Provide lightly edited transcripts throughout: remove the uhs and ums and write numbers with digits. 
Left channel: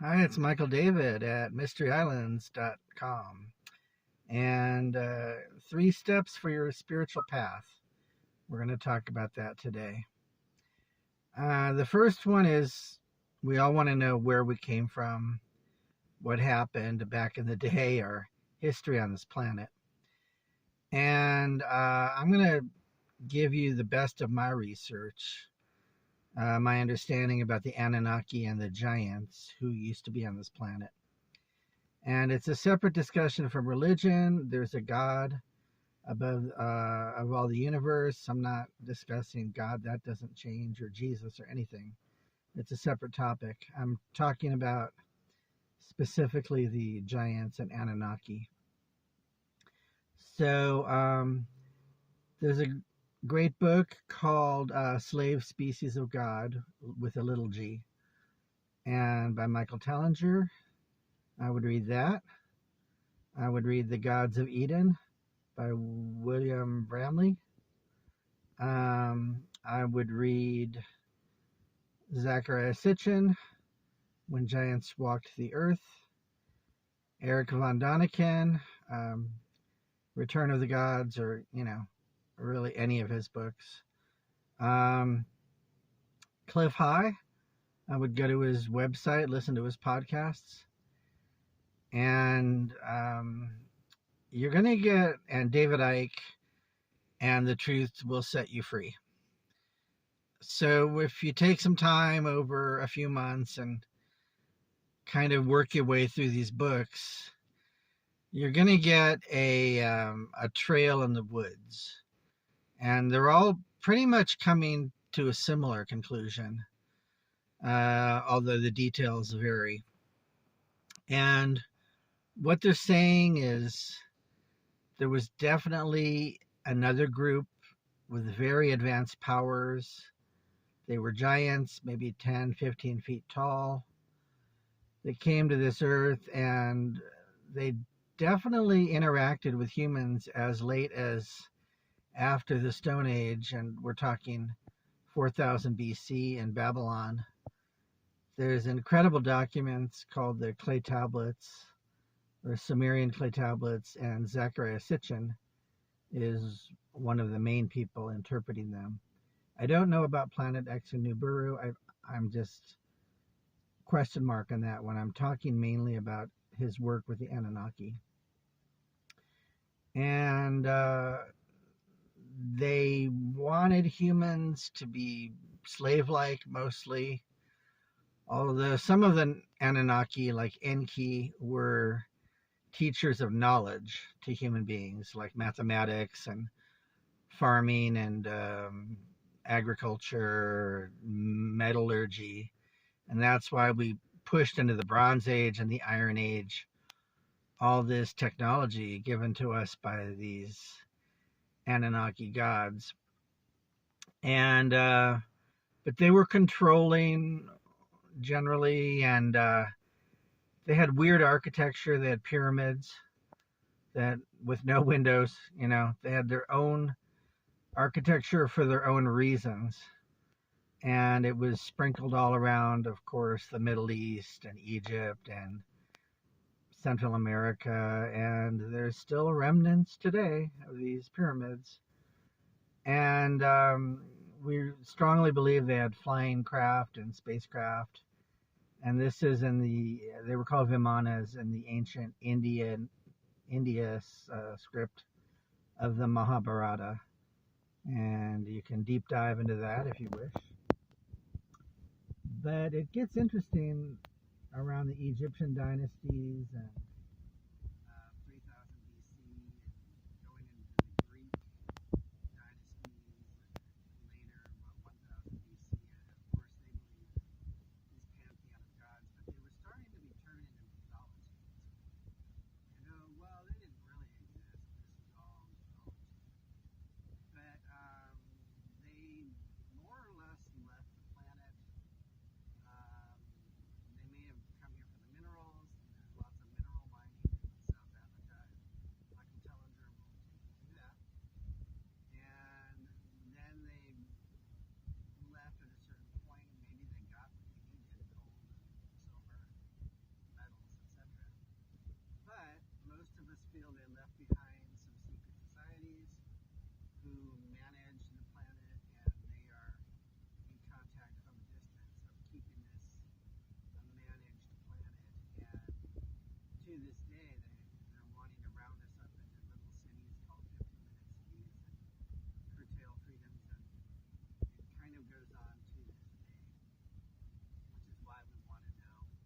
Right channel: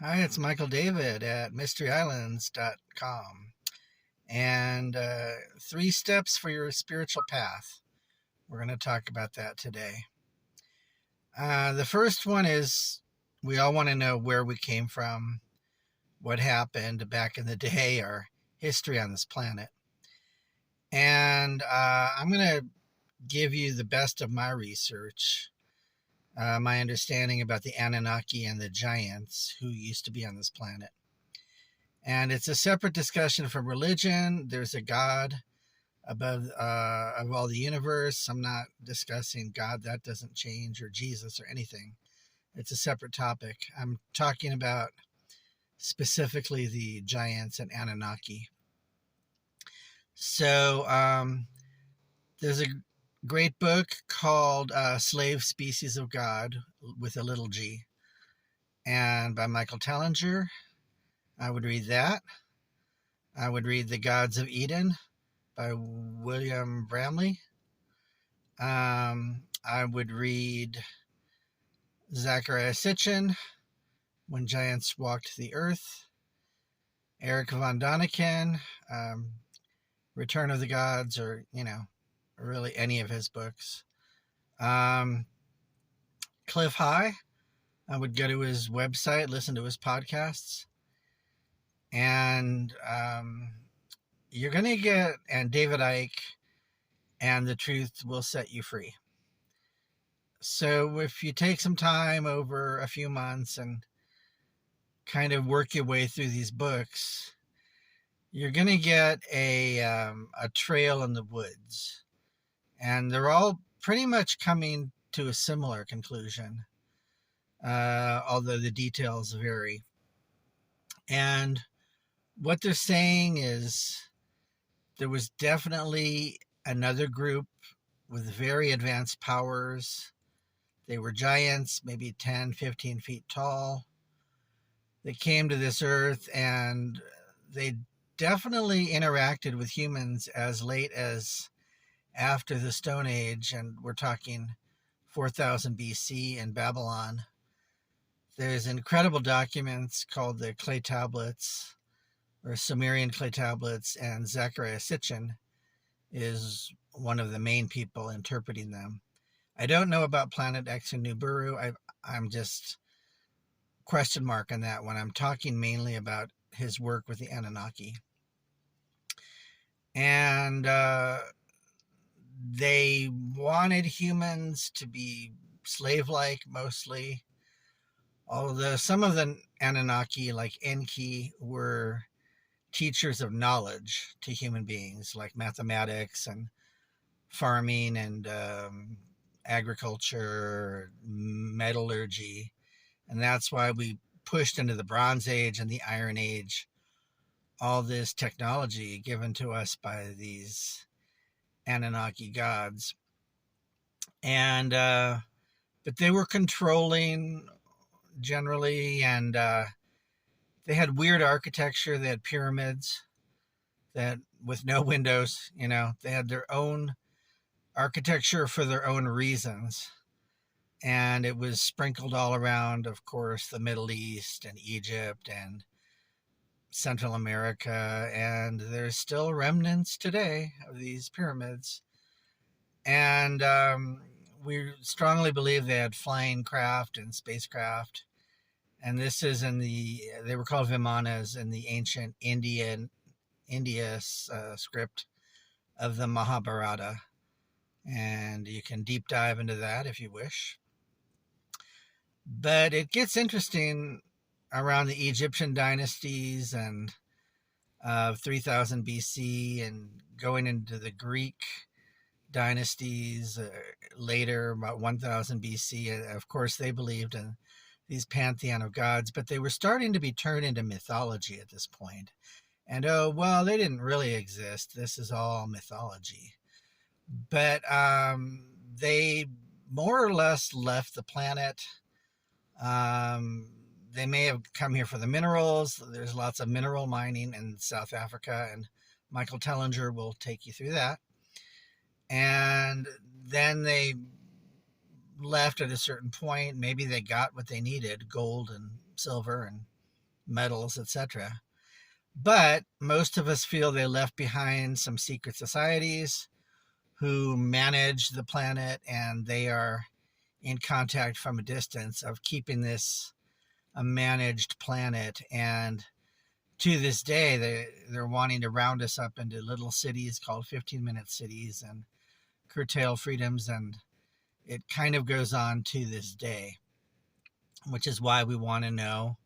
Hi, it's Michael David at mysteryislands.com. And three steps for your spiritual path. We're going to talk about that today. The first one is we all want to know where we came from, what happened back in the day, our history on this planet. And I'm going to give you the best of my research, my understanding about the Anunnaki and the giants who used to be on this planet. And it's a separate discussion from religion. There's a God above of all the universe. I'm not discussing God. That doesn't change, or Jesus, or anything. It's a separate topic. I'm talking about specifically the giants and Anunnaki. So there's a great book called Slave Species of God with a little g, and by Michael Tellinger. I would read that. I would read The Gods of Eden by William Bramley. I would read Zachariah Sitchin, When Giants Walked the Earth. Eric von Daniken, Return of the Gods, or, really any of his books. Cliff High, I would go to his website, listen to his podcasts. And you're going to get, and David Icke, and The Truth Will Set You Free. So if you take some time over a few months and kind of work your way through these books, you're going to get a trail in the woods. And they're all pretty much coming to a similar conclusion, although the details vary. And what they're saying is there was definitely another group with very advanced powers. They were giants, maybe 10, 15 feet tall. They came to this earth and they definitely interacted with humans as late as after the Stone Age, and we're talking 4000 BC in Babylon. There's incredible documents called the clay tablets or Sumerian clay tablets, and Zachariah Sitchin is one of the main people interpreting them. I don't know about Planet X and Nibiru. I'm just question mark on that one. I'm talking mainly about his work with the Anunnaki. And they wanted humans to be slave-like mostly, although some of the Anunnaki, like Enki, were teachers of knowledge to human beings, like mathematics and farming and agriculture, metallurgy. And that's why we pushed into the Bronze Age and the Iron Age, all this technology given to us by these Anunnaki gods. And but they were controlling generally, and they had weird architecture. They had pyramids that with no windows. They had their own architecture for their own reasons, and it was sprinkled all around, of course, the Middle East and Egypt and Central America, and there's still remnants today of these pyramids. And we strongly believe they had flying craft and spacecraft. And this is they were called Vimanas in the ancient India script of the Mahabharata. And you can deep dive into that if you wish. But it gets interesting around the Egyptian dynasties and 3000 BC and going into the Greek dynasties later, about 1000 BC. Of course, they believed in these pantheon of gods, but they were starting to be turned into mythology at this point. And they didn't really exist. This is all mythology. But they more or less left the planet. They may have come here for the minerals. There's lots of mineral mining in South Africa, and Michael Tellinger will take you through that. And then they left at a certain point. Maybe they got what they needed, gold and silver, and medals, etc. But most of us feel they left behind some secret societies who manage the planet, and they are in contact from a distance of keeping this a managed planet. And to this day, they're wanting to round us up into little cities called 15-minute cities and curtail freedoms. And it kind of goes on to this day, which is why we want to know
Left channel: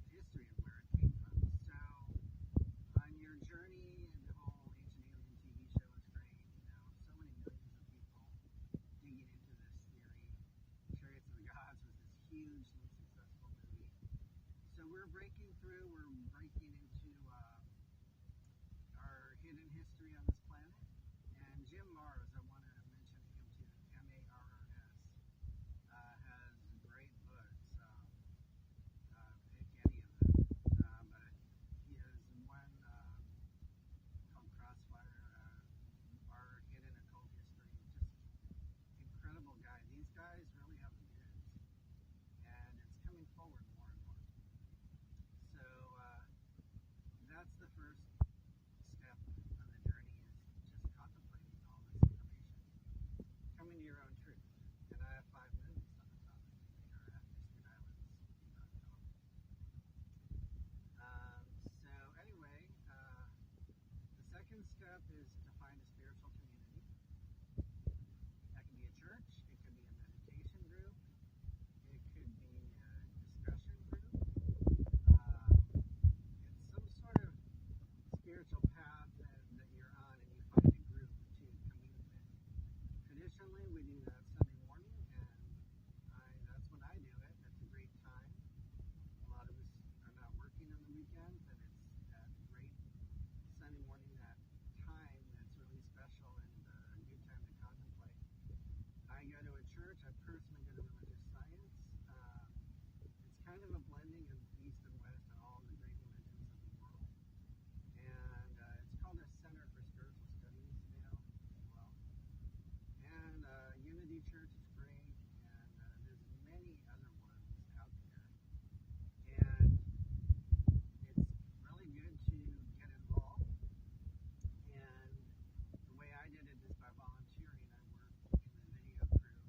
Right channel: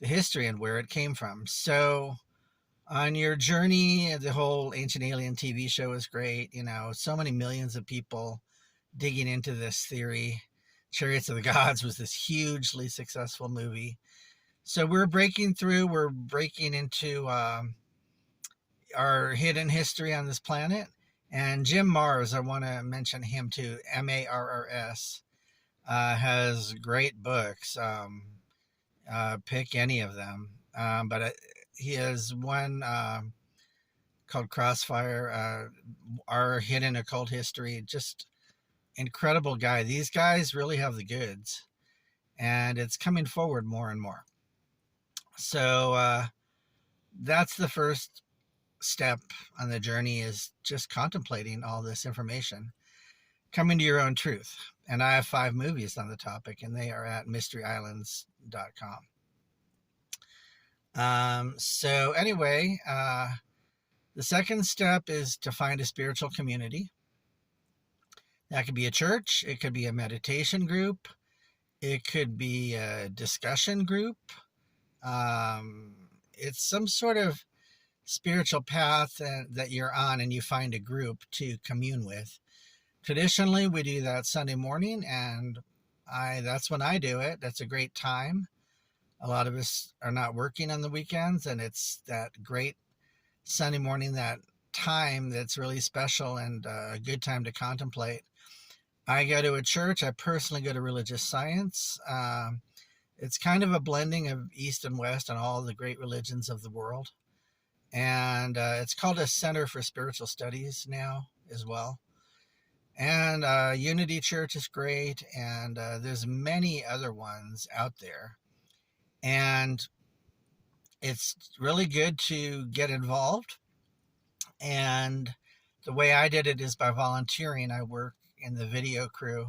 the history and where it came from. So on your journey, the whole Ancient Alien TV show is great. You know, so many millions of people digging into this theory. Chariots of the Gods was this hugely successful movie. So we're breaking into our hidden history on this planet. And Jim Marrs, I want to mention him too, Marrs, has great books. Pick any of them. But he has one called Crossfire, Our Hidden Occult History. Just incredible guy. These guys really have the goods, and it's coming forward more and more. So that's the first step on the journey, is just contemplating all this information, coming to your own truth. And I have 5 movies on the topic, and they are at mysteryislands.com. So anyway, the second step is to find a spiritual community. That could be a church, it could be a meditation group, it could be a discussion group. It's some sort of spiritual path that you're on, and you find a group to commune with. Traditionally, we do that Sunday morning, and that's when I do it. That's a great time. A lot of us are not working on the weekends, and it's that great Sunday morning, that time that's really special and a good time to contemplate. I go to a church. I personally go to religious science. It's kind of a blending of East and West and all the great religions of the world. And it's called a Center for Spiritual Studies now as well. And Unity Church is great, and there's many other ones out there. And it's really good to get involved. And the way I did it is by volunteering. I work in the video crew.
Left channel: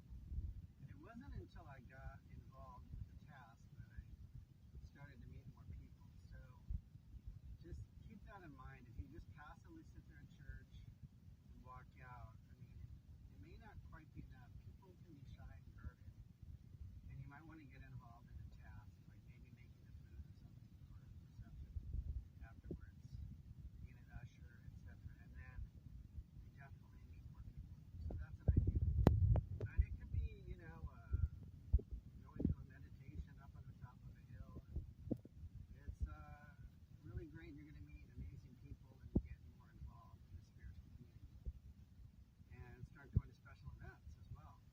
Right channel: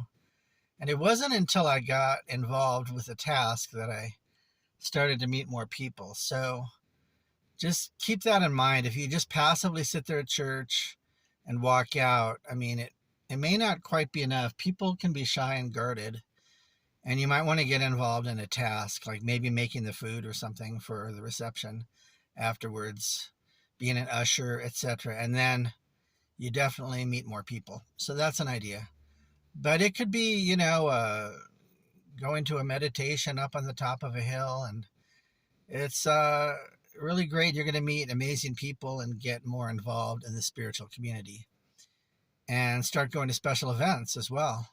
And it wasn't until I got involved with the task that I started to meet more people. So just keep that in mind. If you just passively sit there at church and walk out, I mean, it may not quite be enough. People can be shy and guarded. And you might want to get involved in a task, like maybe making the food or something for the reception afterwards, being an usher, etc. And then you definitely meet more people. So that's an idea. But it could be, going to a meditation up on the top of a hill, and it's really great. You're going to meet amazing people and get more involved in the spiritual community, and start going to special events as well.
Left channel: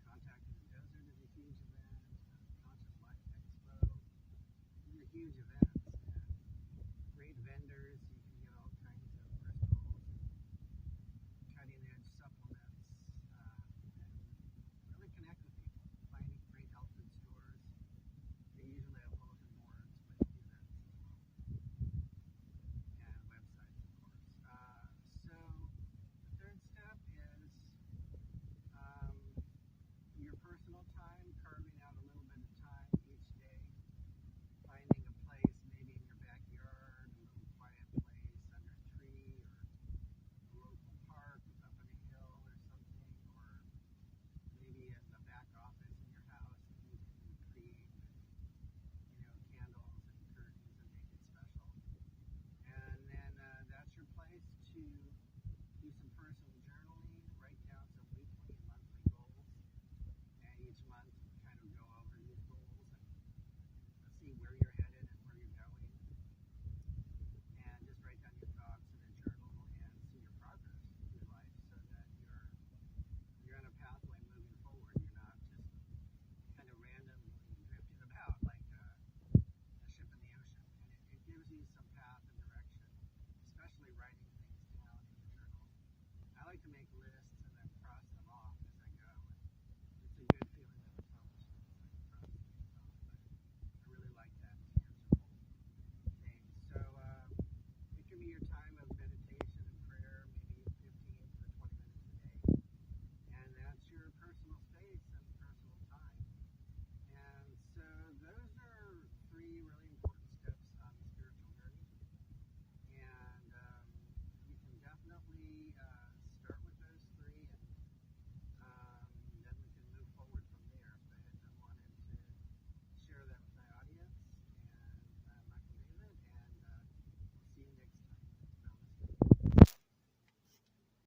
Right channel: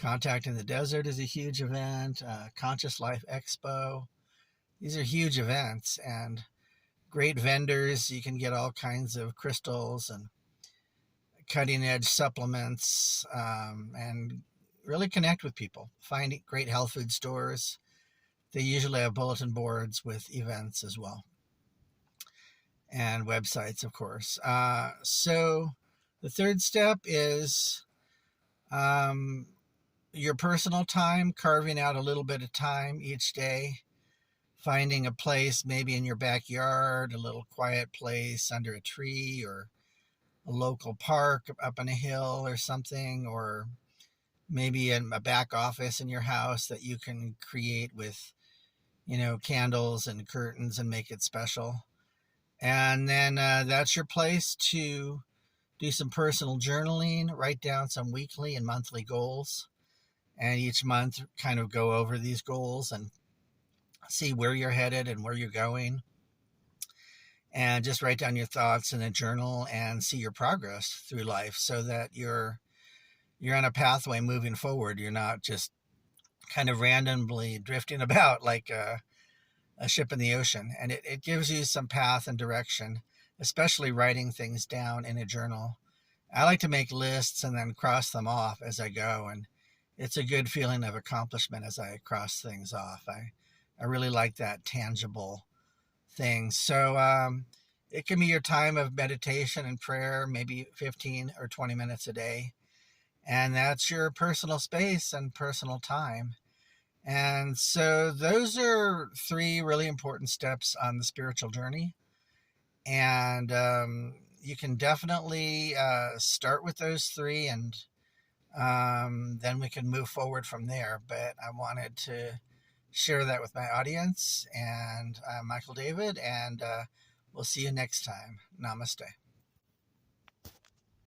Contact in the Desert is a huge event. Conscious Life Expo. These are huge events and great vendors. You can get all kinds of crystals and cutting edge supplements, and really connect with people. Find great health food stores. They usually have bulletin boards with events as well, and websites, of course. So the third step is your personal time, carving out a little bit of time each day, finding a place maybe in your backyard, a little quiet place under a tree, or a local park up on a hill or something, or maybe in a back office in your house that you can create with, candles and curtains and make it special. And then that's your place to do some personal journaling, write down some weekly and monthly goals, and each month kind of go over these goals and see where you're headed and where you're going. And just write down your thoughts in a journal and see your progress through life, so that you're on a pathway moving forward. You're not just kind of randomly drifting about like a ship in the ocean. And it gives you some path and direction, especially writing things down in a journal. I like to make lists and then cross them off as I go, and it's a good feeling of accomplishment as I cross things off. I I really like that tangible thing. So it can be your time of meditation and prayer, maybe 15 or 20 minutes a day. And that's your personal space and personal time. And so those are three really important steps on the spiritual journey. And you can definitely start with those three, and then we can move forward from there. But I wanted to share that with my audience. And I'm Michael David, and we'll see you next time. Namaste.